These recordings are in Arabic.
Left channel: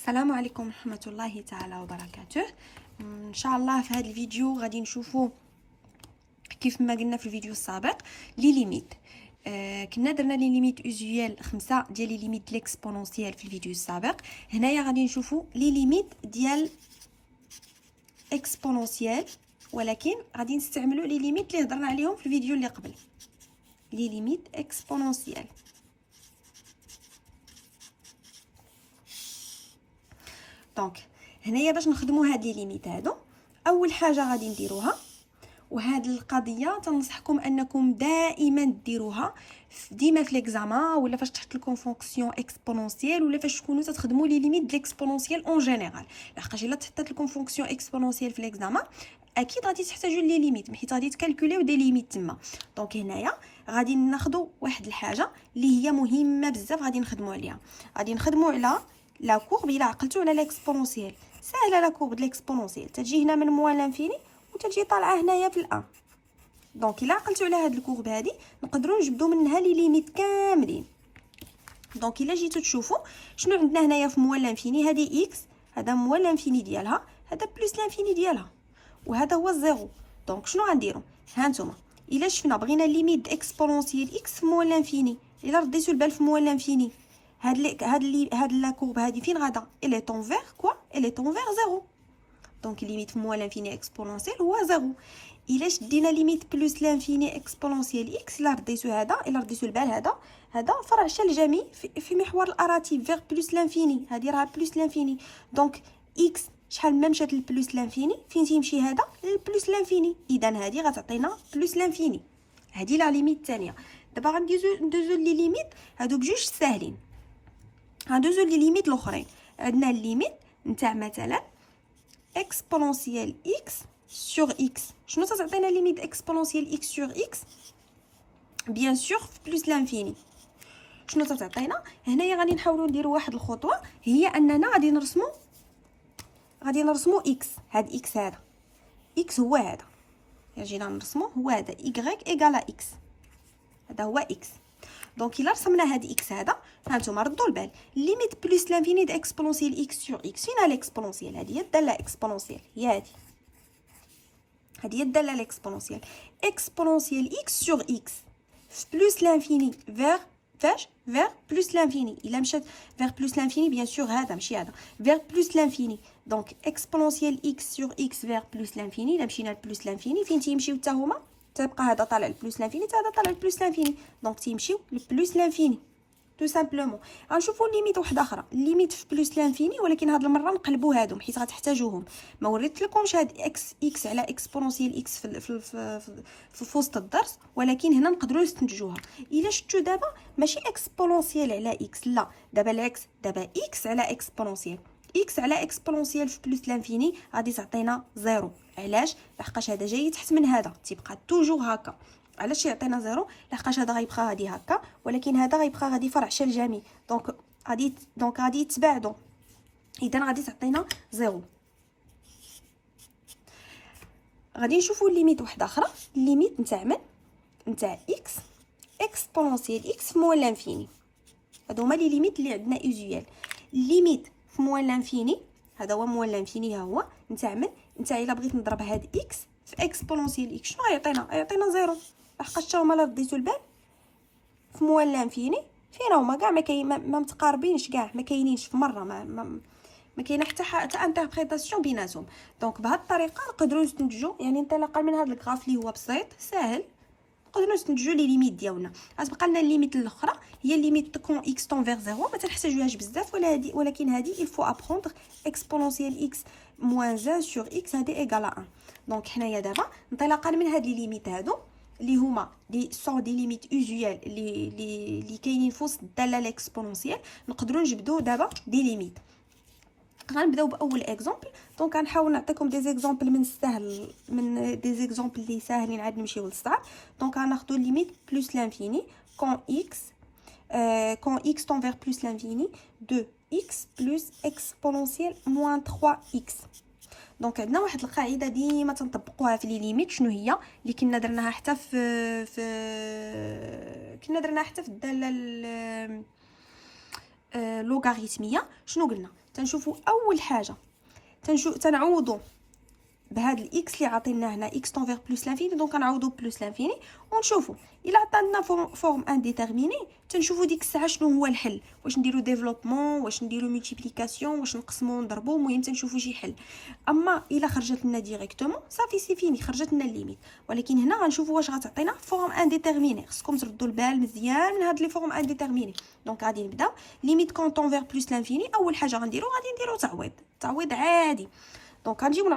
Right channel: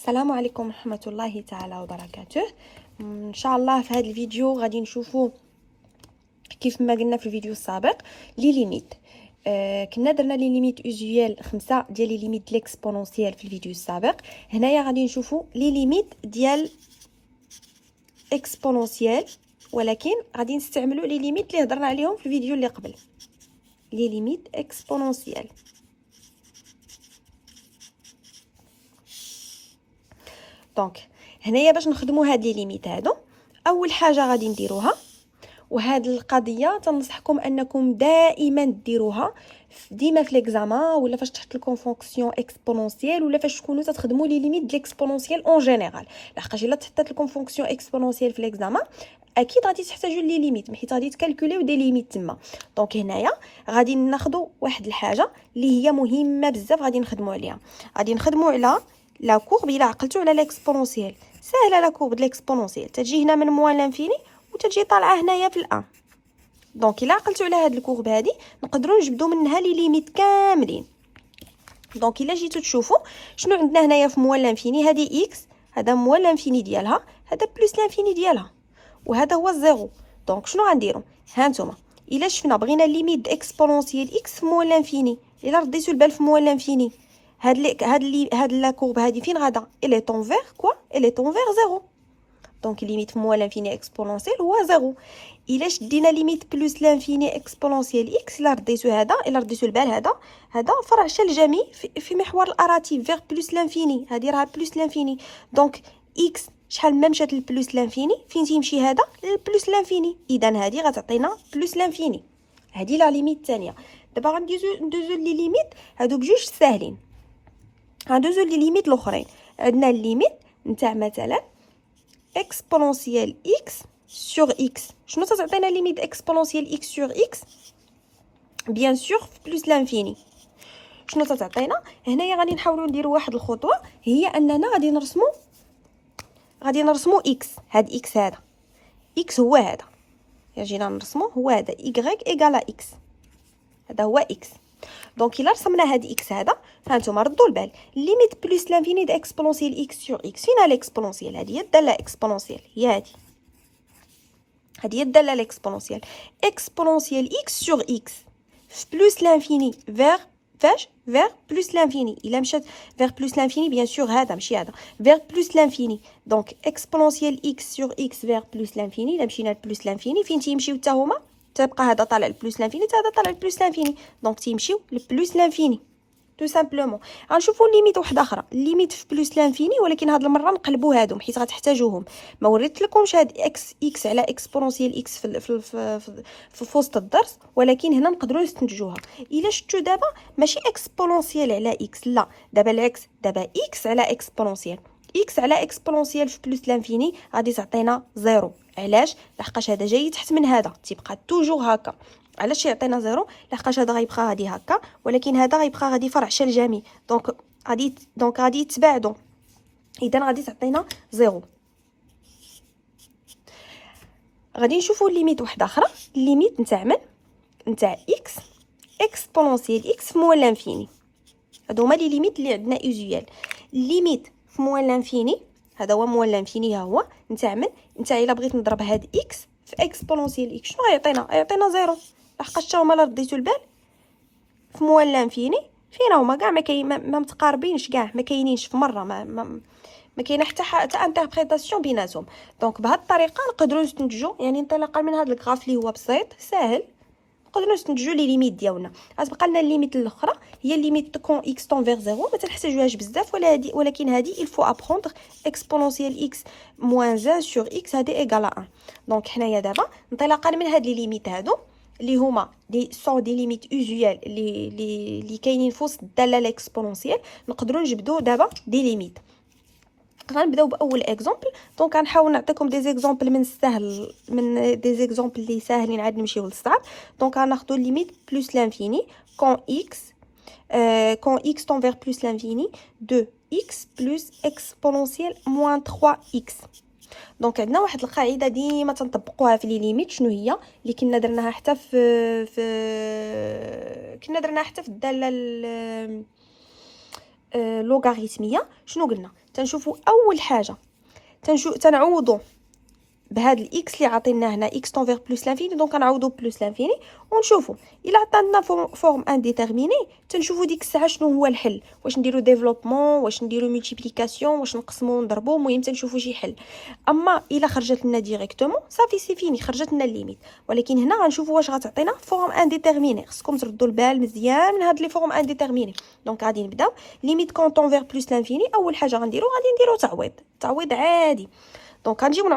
السلام عليكم ورحمة الله تعالى وبركاته. ان شاء الله في هذا الفيديو غادي نشوفوا كيف ما قلنا في الفيديو السابق لي ليميت. كنا درنا لي ليميت اوزيال 5 ديال لي ليميت ليكسبونونسيال في الفيديو السابق. هنايا غادي نشوفوا لي ليميت ديال اكسبونونسيال، ولكن غادي نستعملوا لي ليميت اللي هضرنا عليهم في الفيديو اللي قبل، لي ليميت اكسبونونسيال. دونك هنايا باش نخدموا هاد لي ليميت هادو، اول حاجه غادي نديروها، وهاد القضيه تنصحكم انكم دائما ديروها ديما في ليكزامان، ولا فاش تحط لكم فونكسيون اكسبونونسيال، ولا فاش تكونوا تخدموا لي ليميت ديال الاكسبونونسيال اون جينيرال. لحقاش الا تحطات لكم فونكسيون اكسبونونسيال في ليكزامان اكيد غادي تحتاجوا لي ليميت، حيت غادي تكالكوليو دي ليميت تما. دونك هنايا غادي ناخذوا واحد الحاجه اللي هي مهمه بزاف، غادي نخدموا عليها. غادي نخدموا على لا كورب. الا عقلتوا على ليكسبونونسيال ساهله، لا كورب د ليكسبونونسيال تجي هنا من موان لانفيني وتجي طالعه هنايا في الان. دونك الا عقلتوا على هاد الكورب هادي نقدروا نجبدوا منها لي ليميت كاملين. دونك الا جيتو تشوفوا شنو عندنا هنايا في موان لانفيني، هادي اكس، هذا موان لانفيني ديالها، هذا بلس لانفيني ديالها، وهذا هو الزيرو. دونك شنو غنديروا؟ ها نتوما الا شفنا بغينا ليميت اكسبونونسيال اكس في موان لانفيني، الا رديتو البال في موان لانفيني هاد لا كورب هادي فين غادا؟ الي طون فيغ كوا؟ الي طون فيغ زيرو. دونك ليميت في موان لانفيني اكسبونونسيال هو زيرو. الا شدينا ليميت بلس لانفيني اكسبونونسيال اكس، الا رديتو هذا، الا رديتو البال هذا فرع شلجمي في محور الاراتيف فيغ بلس لانفيني، هذه راه بلس لانفيني. دونك اكس شحال ما مشات للبلس لانفيني فين تيمشي هذا؟ للبلس لانفيني. اذا هذه غتعطينا بلس لانفيني، هذه لا ليميت الثانيه. دابا غندوزو لي ليميت هادو بجوج ساهلين. غندوزو لي ليميت الاخرين. عندنا الليميت نتاع مثلا اكسبونونسيال اكس sur x. شنو تعطينا ليميت اكسبونونسيال x sur x؟ بيان سور في بلس لانفيني. شنو تعطينا هنايا؟ غادي نحاولوا نديروا واحد الخطوه، هي اننا غادي نرسموا x. هاد x هذا x هو هذا، جينا نرسموا هو هذا y ايغال x، هذا هو x. دونك الا رسمنا هاد x هذا، فهانتوما ردوا البال ليميت بلس لانفيني د اكسبونونسيال x sur x فين الاكسبونونسيال؟ هذه هي الداله اكسبونونسيال، هي هذه هي الداله الاكسبونونسيال. اكسبونونسيال x sur x في بلس لانفيني فيغ فاش؟ فيغ بلس لانفيني. الا مشات فيغ بلس لانفيني بيان سور هذا ماشي هذا، فيغ بلس لانفيني. دونك اكسبونونسيال x sur x فيغ بلس لانفيني. الا مشينا لبلس لانفيني فين تيمشيو حتى هما؟ تبقى هذا طالع لبلس لانفيني حتى هذا طالع لبلس لانفيني، دونك تيمشيو لبلس لانفيني تو سامبلومون. غنشوفوا ليميت واحده اخرى، ليميت في بلس لانفيني، ولكن هاد المره نقلبوا هادو حيت غتحتاجوهم. ما وريت لكمش هاد اكس على اكسبونونسيال اكس في وسط الدرس، ولكن هنا نقدروا نستنتجوها. الا شفتوا دابا ماشي اكسبونونسيال على اكس، لا دابا العكس، دابا اكس على اكسبونونسيال. اكس على اكسبونونسيال في بلس لانفيني غادي تعطينا زيرو. علاش؟ لحقاش هذا جاي تحت من هذا، تيبقى توجور هكا. علاش يعطينا زيرو؟ لحقاش هذا غيبقى غادي هكا، ولكن هذا غيبقى غادي فرع شلجمي، دونك غادي يتباعدوا، اذا غادي تعطينا زيرو. غادي نشوفوا ليميت واحده اخرى، ليميت نتاع اكس اكسبونونسيال اكس في موان لانفيني. هادو هما لي ليميت اللي عندنا اوزيال. ليميت في موان لانفيني، هذا هو موان لانفيني، ها هو نتاع الا بغيت نضرب هاد اكس في اكسبونونسيال اكس شنو غيعطينا زيرو، لحقاش حتى هما لا رديتو البال في موان لانفيني فين هما كاع ما متقاربينش، كاع ما كاينينش في مره، ما كاينه حتى انتربريتاسيون بيناتهم. دونك بهذه الطريقه نقدروا نستنتجوا، يعني انطلاقا من هذا الغراف اللي هو بسيط ساهل، نقدروا نستنتجوا لي ليميت ديالنا. غتبقى لنا الليميت الاخرى هي ليميت كون اكس طون فيغ زيرو، ما تنحتاجوهاش بزاف، ولكن هذه الفو ابروندر اكسبونونسيال اكس موان 1 سور اكس هذه ايغال 1. دونك حنايا دابا انطلاقا من هاد لي ليميت هادو اللي هما دي سون دي ليميت اوزيال اللي كاينين في وسط الداله الاكسبونونسيال، نقدروا نجبدوا دابا دي ليميت. غنبداو باول اكزامبل. دونك غنحاول نعطيكم دي زيكزامبل من السهل، من دي زيكزامبل اللي ساهلين عاد نمشيو للصعب. دونك غناخذوا ليميت بلس لانفيني كون اكس طون فيغ بلس لانفيني دو اكس بلس اكسبونونسيال موان 3 اكس. دونك عندنا واحد القاعده ديما تنطبقوها في لي ليميت، شنو هي؟ اللي كنا درناها حتى في الداله لوغاريتميه. شنو قلنا؟ تنشوفوا اول حاجه تنعوضوا بهاد الاكس اللي عطينا هنا اكس طون فيغ بلس لانفيني، دونك غنعوضوا بلس لانفيني ونشوفوا الا عطانا فورم انديتيرميني تنشوفوا ديك الساعه شنو هو الحل، واش نديروا ديفلوبمون، واش نديروا ملتيبليكاسيون، واش نقسموا ونضربوا، المهم تنشوفوا شي حل. اما الا خرجت لنا ديريكتومون صافي سي فيني، خرجت لنا الليميت. ولكن هنا غنشوفوا واش غتعطينا فورم انديتيرميني. خصكم تردوا البال مزيان من هاد لي فورم انديتيرميني. دونك غادي نبداو ليميت كونطون فيغ بلس لانفيني. اول حاجه غنديروا تعويض عادي. دونك غنجيو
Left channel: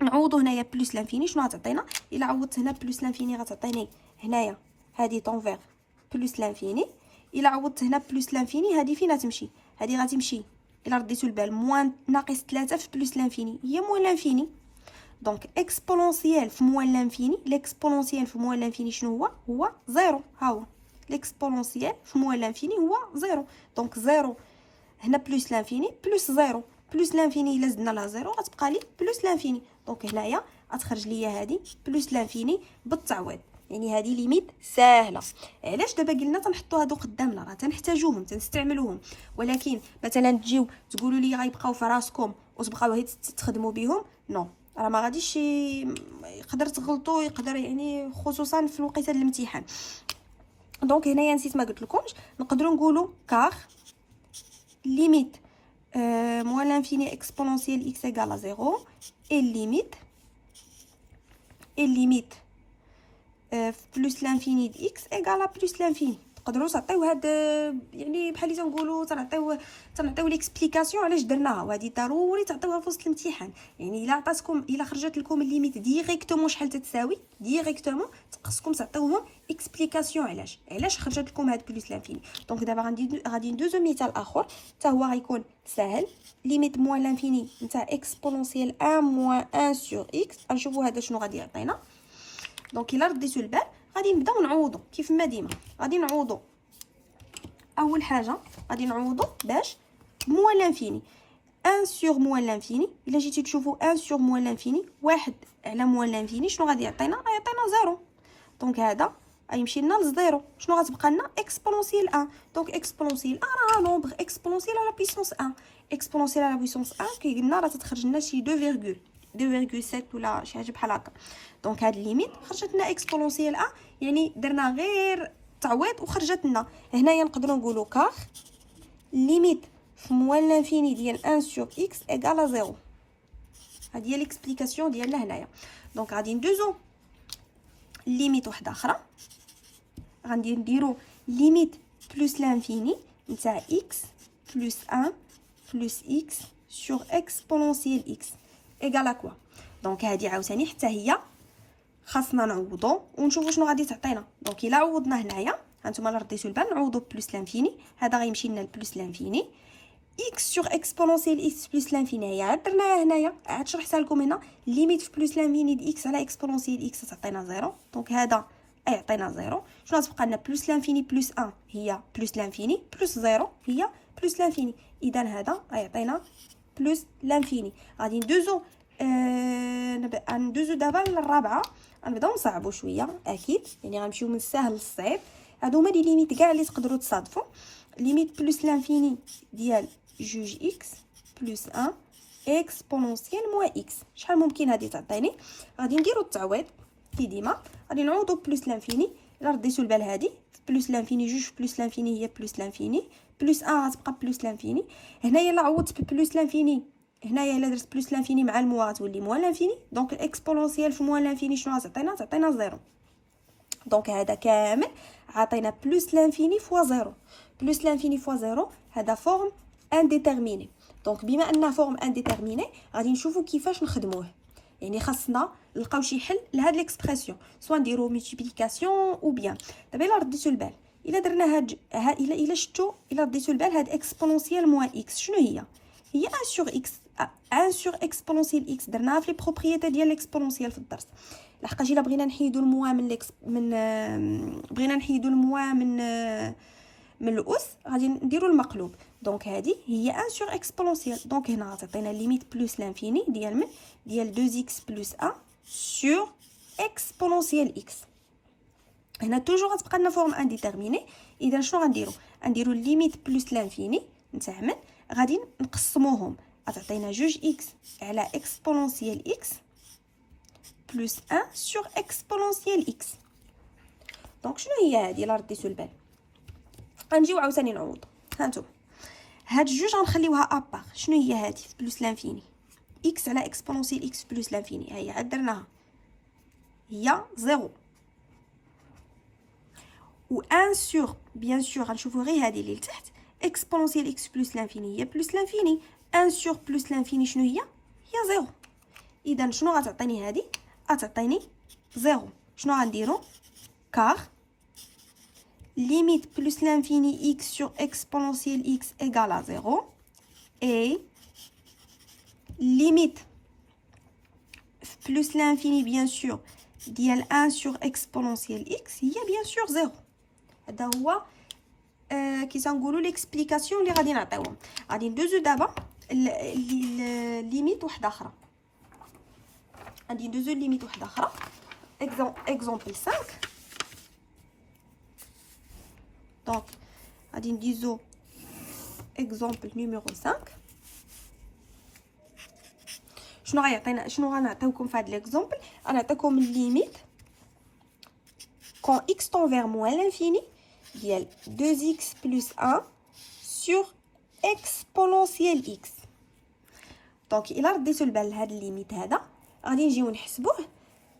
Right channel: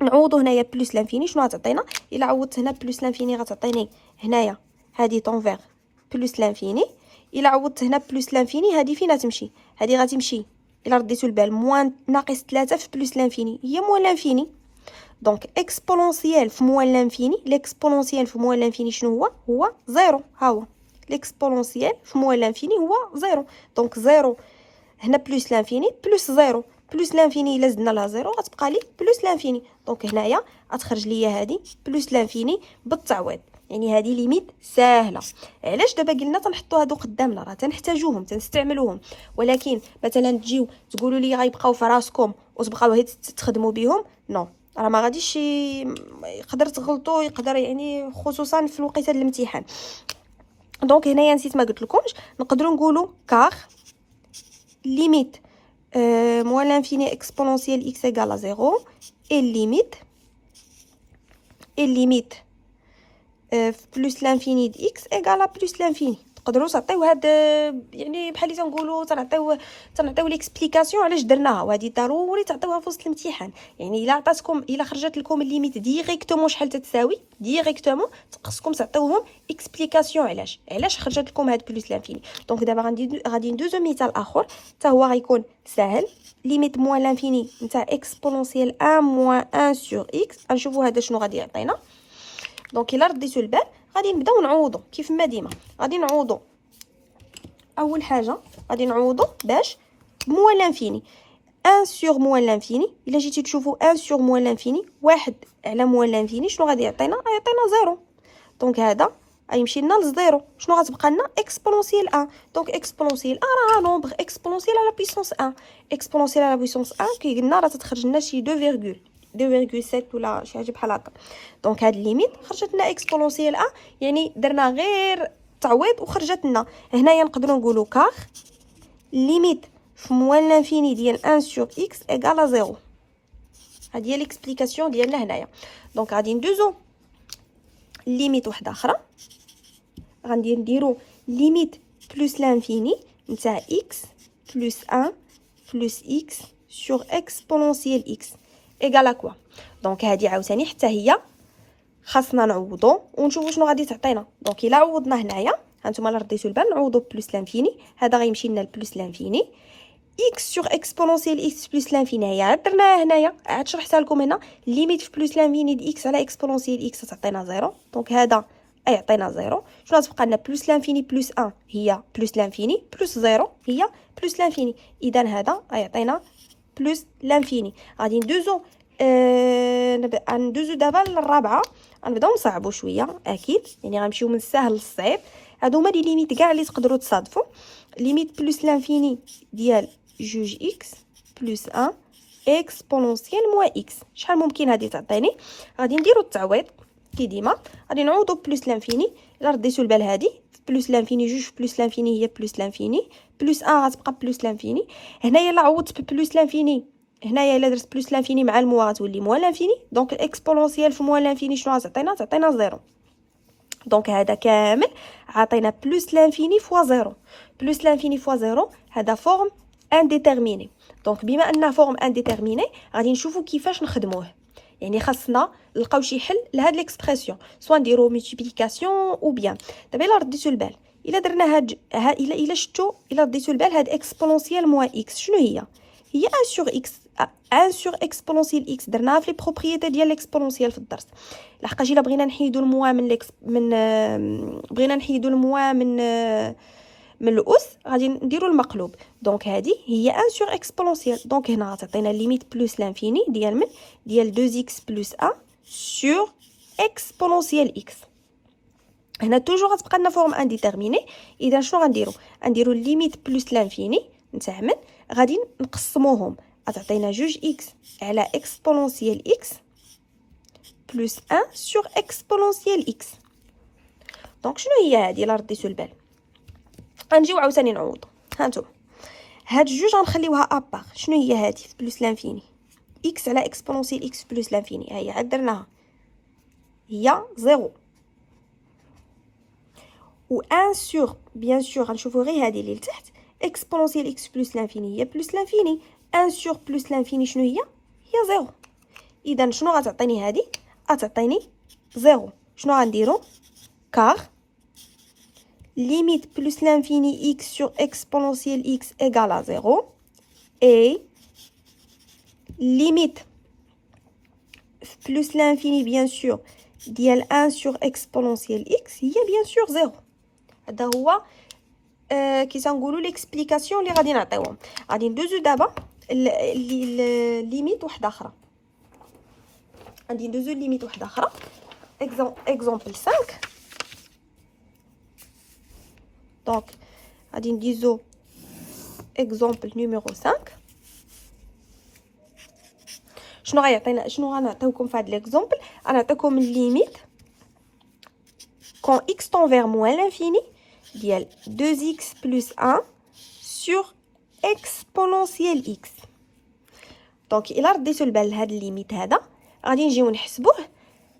نعوضوا هنايا بلس لانفيني. شنو غتعطينا؟ الا عوضت هنا بلس لانفيني غتعطيني هنايا هذه طونفير بلس لانفيني. الا عوضت هنا بلس لانفيني هذه فين غتمشي؟ هذه غتمشي الا رديتوا البال موان ناقص 3 في بلس لانفيني هي موان لانفيني. دونك اكسبونونسيال في موان لانفيني، ليكسبونونسيال في موان لانفيني شنو هو زيرو. ها هو ليكسبونونسيال في موان لانفيني هو زيرو. دونك زيرو هنا بلس لانفيني بلس زيرو، بلس لانفيني الا زدنا لها زيرو غتبقى لي بلس لانفيني. دونك هنايا غتخرج ليا هذه بلس لانفيني بالتعويض. يعني هذه ليميت ساهله. علاش دابا قلنا تنحطوا هادو قدامنا؟ راه تنحتاجوهم تنستعملوهم. ولكن مثلا تجيو تقولوا لي غيبقاو في راسكم وتبقاو هي تخدموا بهم، نو راه ما غاديش. يقدر تغلطوا، يقدر يعني خصوصا في الوقيته ديال الامتحان. دونك هنايا نسيت ما قلت لكمش، نقدروا نقولوا كار ليميت moins l'infini exponentiel x égale à 0 et limite plus l'infini de x égale à plus l'infini. تقدروا تعطيو هاد يعني بحال اللي تنقولوا تنعطيو ليكسبليكاسيون علاش درناها، وهذه ضروري تعطيوها في وسط الامتحان. يعني الا خرجت لكم الليميت ديريكتومون شحال تتساوي ديريكتومون، خصكم تعطيوهم اكسبليكاسيون علاش خرجت لكم هاد بلس لانفيني. دونك دابا غادي ندوزو مثال اخر حتى هو غيكون ساهل. ليميت موان لانفيني نتاع اكسبونونسيال 1 موان 1 سور اكس. غنشوفوا هذا شنو غادي يعطينا. دونك الا رديتو البال غادي نبداو نعوضوا كيف ما ديما. غادي نعوضوا اول حاجه غادي نعوضوا باش موان لانفيني 1 سور موان لانفيني. الا جيتي تشوفوا 1 سور موان لانفيني 1 على موان لانفيني شنو غادي يعطينا؟ غيعطينا زيرو. دونك هذا غيمشي لنا لزيرو. شنو غتبقى لنا؟ اكسبونونسيال 1. دونك اكسبونونسيال 1 راه نومبر اكسبونونسيال على بويسونس 1. اكسبونونسيال على بويسونس 1 كي قلنا راه تتخرج لنا شي 2.7 ولا شي حاجه بحال هكا. دونك هاد الليميت خرجت لنا اكسبونونسيال 1، يعني درنا غير تعويض وخرجت لنا. هنايا نقدروا نقولوا كار ليميت في موان لانفيني ديال 1 سور اكس ايغال 0. هذه هي ليكسبليكاسيون ديالنا هنايا. دونك غادي ندوزو ليميت واحده اخرى. غادي نديروا ليميت بلس لانفيني نتاع اكس بلس 1 بلس اكس سور اكسبونونسيال اكس ايغال كوا. دونك هذه عاوتاني حتى هي خاصنا نعوضوا ونشوفوا شنو غادي تعطينا. دونك الا عوضنا هنايا هانتوما الا رديتوا البال نعوضوا بلس لانفيني، هذا غيمشي لنا لبلس لانفيني اكس سور اكسبونونسيال اكس بلس لانفيني. هي عاد درناها هنايا، عاد شرحتها لكم هنا. ليميت في بلس لانفيني د اكس على اكسبونونسيال اكس تعطينا زيرو. دونك هذا يعطينا زيرو. شنو غتبقى لنا؟ بلس لانفيني بلس 1 هي بلس لانفيني بلس زيرو هي بلس لانفيني. اذا هذا غيعطينا بلس لانفيني. غادي ندوزو دابا للرابعه. غنبداو نصعبوا شويه اكيد، يعني غنمشيو من السهل للصعيب. هادو هما لي ليميت كاع اللي تقدروا تصادفوا. ليميت بلس لانفيني ديال جوج اكس بلس 1 اكسبونونسيال موان اكس. شحال ممكن هذه تعطيني؟ غادي نديروا التعويض كي ديما. غادي نعوضوا بلس لانفيني. الا رديتوا البال هذه بلس لانفيني جوج بلس لانفيني هي بلس لانفيني بلس 1 غتبقى بلس لانفيني. هنايا الا عوضت بلس لانفيني، هنايا الا درت بلس لانفيني مع الموا غتولي موان لانفيني. دونك الاكسبونونسيال في موان لانفيني شنو غتعطينا؟ تعطينا زيرو. دونك هذا كامل عطينا بلس لانفيني فوا زيرو. بلس لانفيني فوا زيرو هذا فورم انديتيرميني. دونك بما انه فورم انديتيرميني غادي نشوفوا كيفاش نخدموه. يعني خاصنا نلقاو شي حل لهاد ليكسبرسيون، سوا نديرو ملتيبليكاسيون او بيان. دابا الا رديتو البال، الا درنا الا شفتوا، الا رديتو البال هاد اكسبونونسيال موان اكس شنو هي 1 سور اكس. 1 سور اكسبونونسيال اكس درناها في لي بروبريتي ديال الاكسبونونسيال في الدرس. لحقاش الا بغينا نحيدوا الموا من الاس غادي نديروا المقلوب. دونك هذه هي 1 سور اكسبونونسيال. دونك هنا غتعطينا ليميت بلس لانفيني ديال 2 اكس بلس 1 سور اكسبونونسيال اكس. هنا توجور غتبقى لنا فورم انديتيرميني. اذا شنو غنديرو ليميت بلس لانفيني نتاع من غادي نقسموهم، غتعطينا جوج اكس على اكسبونونسيال اكس بلس 1 سور اكسبونونسيال اكس. دونك شنو هي هذه الا رديتو البال؟ غنجيو عاوتاني نعوضو. هانتوما هاد جوج غنخليوها ابار. شنو هي هذه بلس لانفيني؟ اكس على اكسبونونسيال اكس بلس لانفيني، ها هي عاد درناها، هي زيرو. و 1 سور بيان سور غنشوفو غير هذه اللي لتحت اكسبونونسيال اكس بلس لانفيني هي بلس لانفيني. 1 سور بلس لانفيني شنو هي؟ هي زيرو. اذا شنو غتعطيني هذه؟ غتعطيني زيرو. شنو غنديرو؟ كار limite plus l'infini x sur exponentielle x égale à 0 et limite plus l'infini bien sûr ديال 1 sur exponentielle x هي bien sûr 0. هذا هو كي تنقولوا ليكسبليكاسيون اللي غادي نعطيوهم. غادي ندوزو دابا ليميت واحده اخرى. غادي ندوزو ليميت واحده اخرى. اكزامبل 5. دونك غادي نديزو اكزامبل نيميرو 5. شنو غيعطينا؟ شنو غنعطيوكم في هذا ليكزامبل؟ غنعطيكم الليميت كون x tend vers moins l'infini ديال 2x plus 1 sur exponentielle x. دونك الا رديتو البال لهاد الليميت هذا غادي نجيو نحسبوه.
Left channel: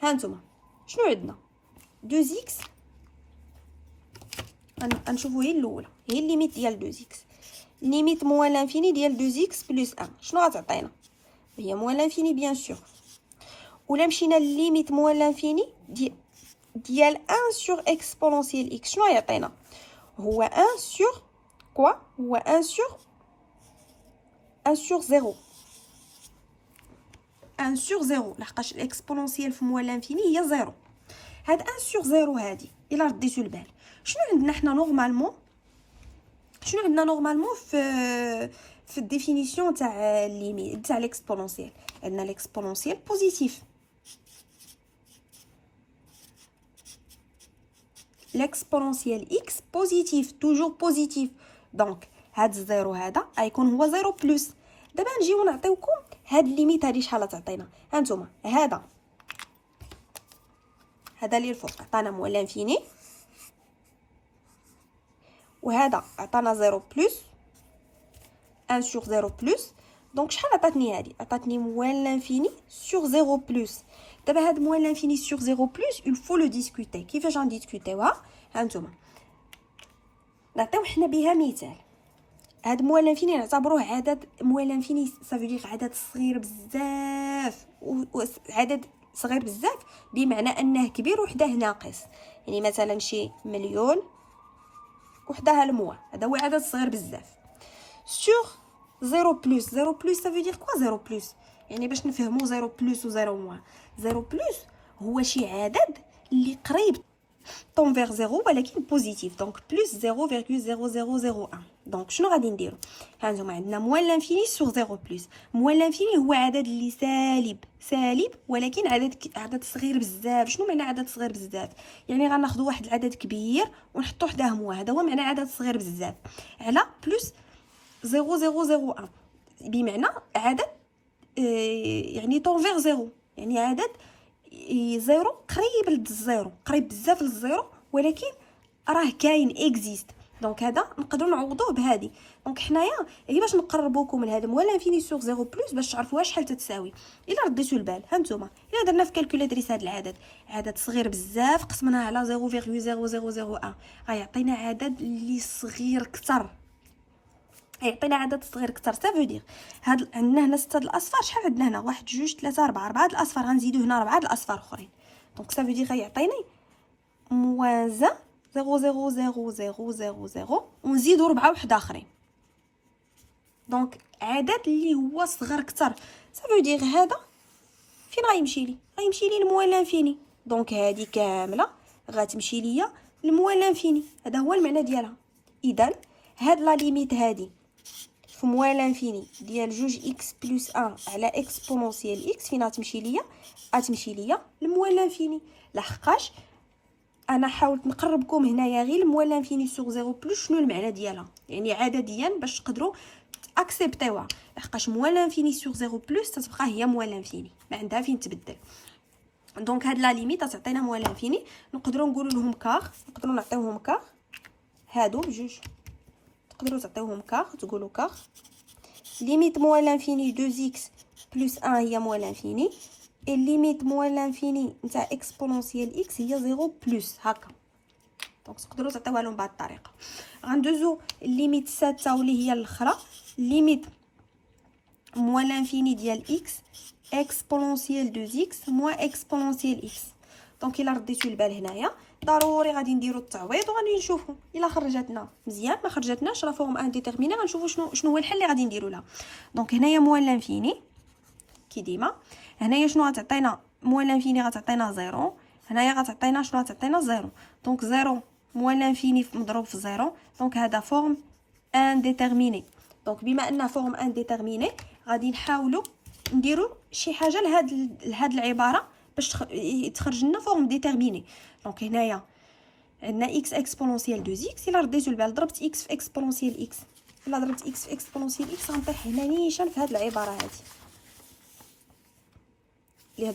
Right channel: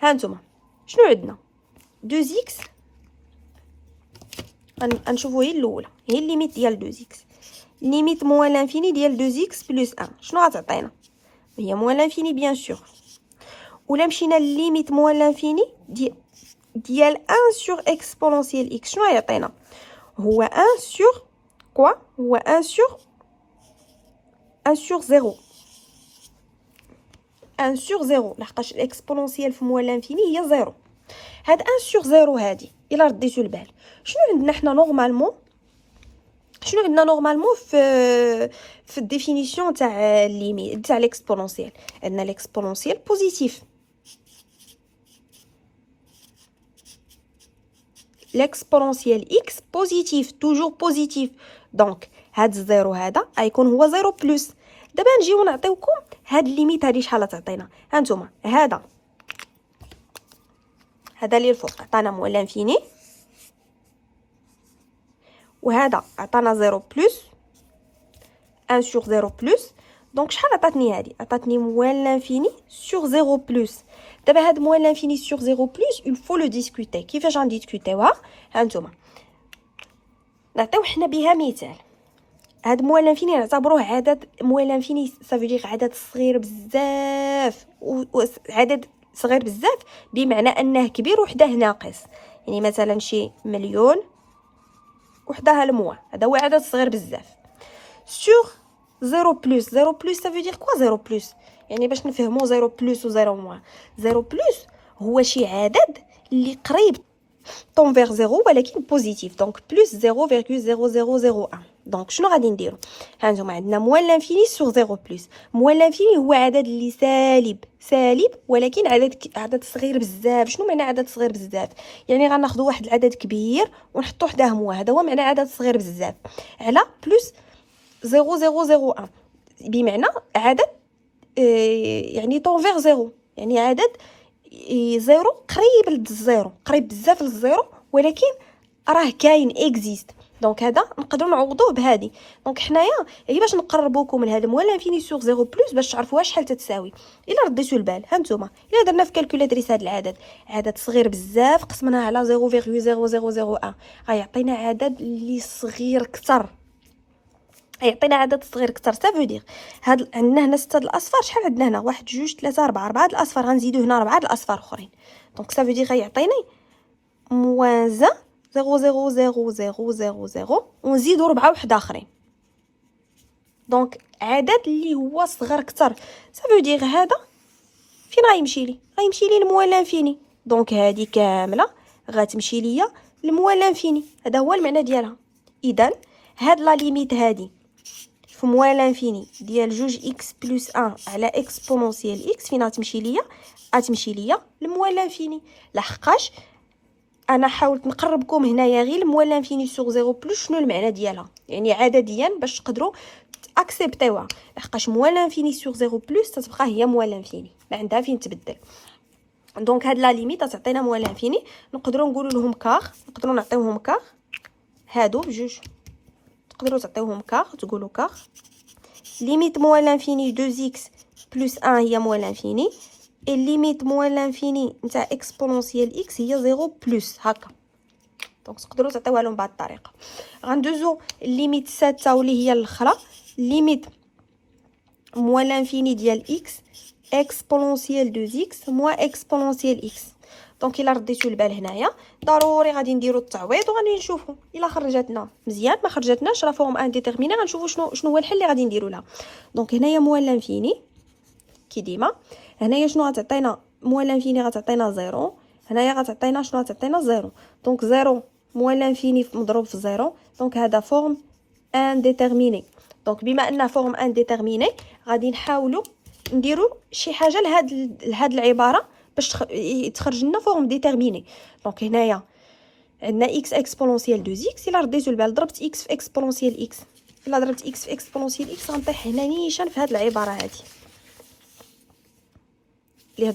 ها نتوما شنو عندنا؟ 2x غنشوفوا هي الاولى، هي الليميت ديال 2x. ليميت موان لانفيني ديال 2x بلس 1 شنو غتعطينا؟ هي موان لانفيني بيان سور. ولا مشينا لليميت موان لانفيني ديال 1 سور اكسبونونسيال اكس شنو غيعطينا؟ هو 1 سور كوا؟ هو 1 سور 0. 1 سور 0 لحقاش الاكسبونونسيال في موان لانفيني هي 0. هاد 1 سور 0 هادي الا رديتو البال شنو عندنا حنا نورمالمون؟ شنو عندنا نورمالمون في الديفينيسيون تاع ليميت تاع ليكسبونونسيال؟ عندنا ليكسبونونسيال بوزيتيف. ليكسبونونسيال اكس بوزيتيف توجور بوزيتيف. دونك هاد الزيرو هذا غيكون هو زيرو بلس. دابا نجيو نعطيوكم هاد الليميت هادي شحال تعطينا. هانتوما هذا اللي الفوق عطانا مول لانفيني، وهذا عطانا 0 بلس 1 سور 0 بلس. دونك شحال عطاتني هذه؟ عطاتني موال لانفيني سور 0 بلس. دابا هاد موال لانفيني سور 0 بلس il faut le discuter. كيفاش غنديسكوتيوها؟ ها نتوما نعطيو حنا بها مثال. هاد موال لانفيني نعتبروه عدد موال لانفيني سافيدير عدد صغير بزاف، عدد صغير بزاف بمعنى انه كبير وحده ناقص. يعني مثلا شي مليون وحده الموا، هذا هو عدد صغير بزاف. سور 0 بلس. 0 بلس ça veut dire quoi 0 بلس؟ يعني باش نفهموا 0 بلس و 0 موان. 0 بلس هو شي عدد اللي قريب طون فيغ 0 ولكن بوزيتيف. دونك بلس 0.0001. دونك شنو غادي نديرو؟ ها نتوما عندنا موان لانفيني سور 0 بلس. موان لانفيني هو عدد اللي سالب ولكن عدد صغير بزاف. شنو معنى عدد صغير بزاف؟ يعني غناخذوا واحد العدد كبير ونحطوا حداه موان، هذا هو معنى عدد صغير بزاف، على بلس 0.0001 بمعنى عدد يعني طون فيغ 0، يعني عدد زيرو قريب للزيرو، قريب بزاف للزيرو ولكن راه كاين اكزيست. دونك هذا نقدروا نعوضوه بهذه. دونك حنايا هي باش نقربوكم لهذا موال لانفيني سور 0 بلس باش تعرفوها شحال تتساوي. الا رديتو البال ها نتوما الا درنا في كالكولاتريس هذا العدد عدد صغير بزاف قسمناه على 0.0001 غيعطينا عدد اللي صغير كتر، يعطينا عدد صغير كتر. سافو هاد عندنا هنا 6 الاصفار. شحال عندنا هنا؟ 1 2 3 4 الاصفار. غنزيدو هنا 4 الاصفار اخرين. دونك سافو غيعطيني موان 0.00000 ونزيدو 4 وحده اخرين. دونك عدد اللي هو صغر كتر. سافو هذا فين غيمشي لي؟ غيمشي لي لموان لانفيني. دونك هذه كامله غتمشي ليا لموان لانفيني. هذا هو المعنى ديالها. اذا هاد لا ليميت هذه في موان لانفيني ديال جوج اكس بلس 1 على اكسبونونسيال اكس فين غتمشي ليا؟ غتمشي ليا لموان لانفيني، لحقاش انا حاولت نقربكم هنايا غير موال لانفيني سوغ زيرو بلس شنو المعنى ديالها، يعني عدديا باش تقدروا اكسبتيوها، لحقاش موال لانفيني سوغ زيرو بلس تتبقى هي موال لانفيني، ما عندها فين تبدل. دونك هاد لا ليميت تعطينا موال لانفيني، نقدروا نقولوا لهم كار، نقدروا نعطيوهم كار، هادو بجوج تقدروا تعطيوهم كار، تقولوا كار ليميت موال لانفيني 2x بلس 1 هي موال لانفيني، et ليميت موال لانفيني نتاع اكسبونونسيال x هي 0 بلس هكا. دونك تقدروا تعطيوها لهم بهذه الطريقه. غندوزو ليميت 6 واللي هي الاخرى، ليميت موال لانفيني ديال x اكسبونونسيال 2x موان اكسبونونسيال x. دونك الا رديتو البال هنايا ضروري غادي نديرو التعويض وغادي نشوفوا الا خرجتنا مزيان، ما خرجتناش راه فورم ان ديتيرميني، غنشوفوا شنو هو الحل اللي غادي نديرو لها. دونك هنايا موال لانفيني كي ديما، هنايا شنو غتعطينا موال لانفيني غتعطينا 0، هنايا غتعطينا شنو غتعطينا 0. دونك 0 موال لانفيني مضروب في 0، دونك هذا فورم ان ديتيرميني. دونك بما ان فورم ان ديتيرميني غادي نحاولوا نديروا شي حاجه لهاد العباره باش تخرج لنا فورم ديتيرميني. دونك هنايا عندنا x اكسبونونسيال 2x، الا رديتو البال ضربت x في اكسبونونسيال x، الا ضربت x في اكسبونونسيال x غنطيح هنا نيشان في هاد العباره هادي اللي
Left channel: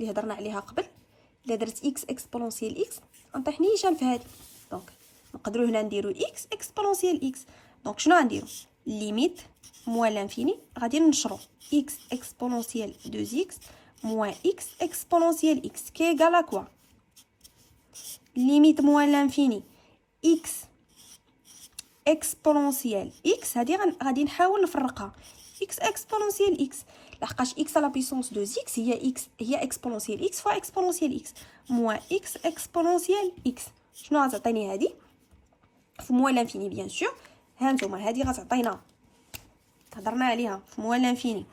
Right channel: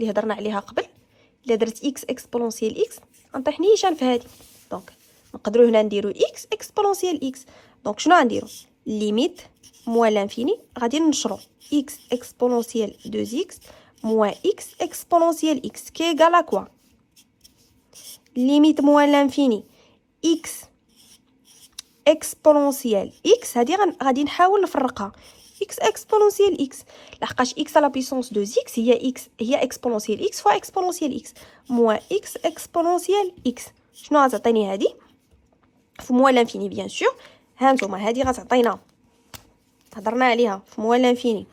هضرنا عليها قبل. الا درت x اكسبونونسيال x غنطيح نيشان في هادي. دونك نقدروا هنا نديروا x اكسبونونسيال x. دونك شنو غنديروا ليميت موال لانفيني غادي ننشروا x اكسبونونسيال 2x موان x اكسبونونسيال x كي ايغال كوا ليميت موال لانفيني x اكسبونونسيال x. هادي غادي نحاول نفرقها x اكسبونونسيال x، لحقاش x على بيسونس 2x هي اكسبونونسيال x فوا اكسبونونسيال x موان x اكسبونونسيال x. شنو غتعطيني هادي في موال لانفيني بيان سور؟ هانتوما هادي غتعطينا هضرنا عليها في موال لانفيني،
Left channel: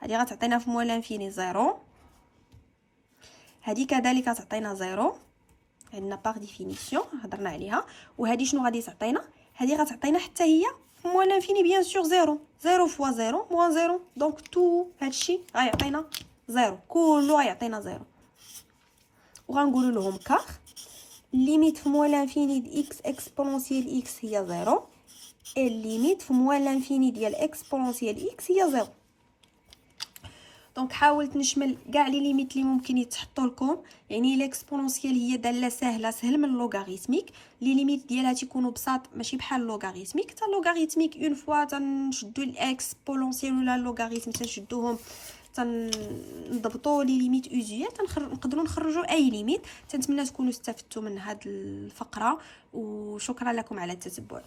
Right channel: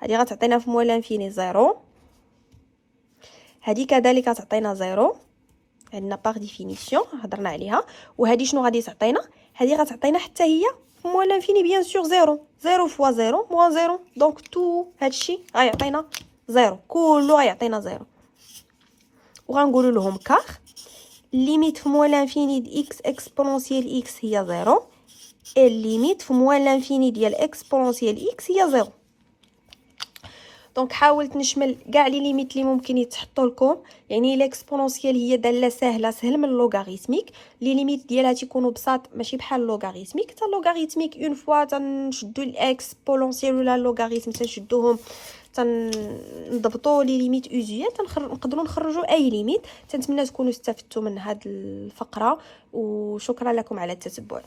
هادي غتعطينا في موال لانفيني 0، هادي كذلك غتعطينا 0 عندنا باغ ديفينيسيون هضرنا عليها. وهادي شنو غادي تعطينا؟ هادي غتعطينا حتى هي موال لانفيني بيان سور 0 فوا 0 موان 0. دونك تو هادشي غيعطينا 0، كله غيعطينا 0. وغنقولوا لهم كار ليميت في موال لانفيني د x اكسبونونسيال x هي 0 et ليميت في موال لانفيني ديال اكسبونونسيال x هي 0. دونك حاولت نشمل كاع لي ليميت اللي ممكن يتحطوا لكم، يعني الاكسبونونسيال هي داله سهل من اللوغاريتميك، لي ليميت ديالها تيكونوا بساط ماشي بحال اللوغاريتميك. حتى اللوغاريتميك اون فوا تنشدوا الاكسبونونسيال ولا اللوغاريتم تنشدوهم تنضبطوا لي ليميت اوزيال نقدروا نخرجوا اي ليميت. تنتمنى تكونوا استفدتوا من هذه الفقره، وشكرا لكم على التتبع.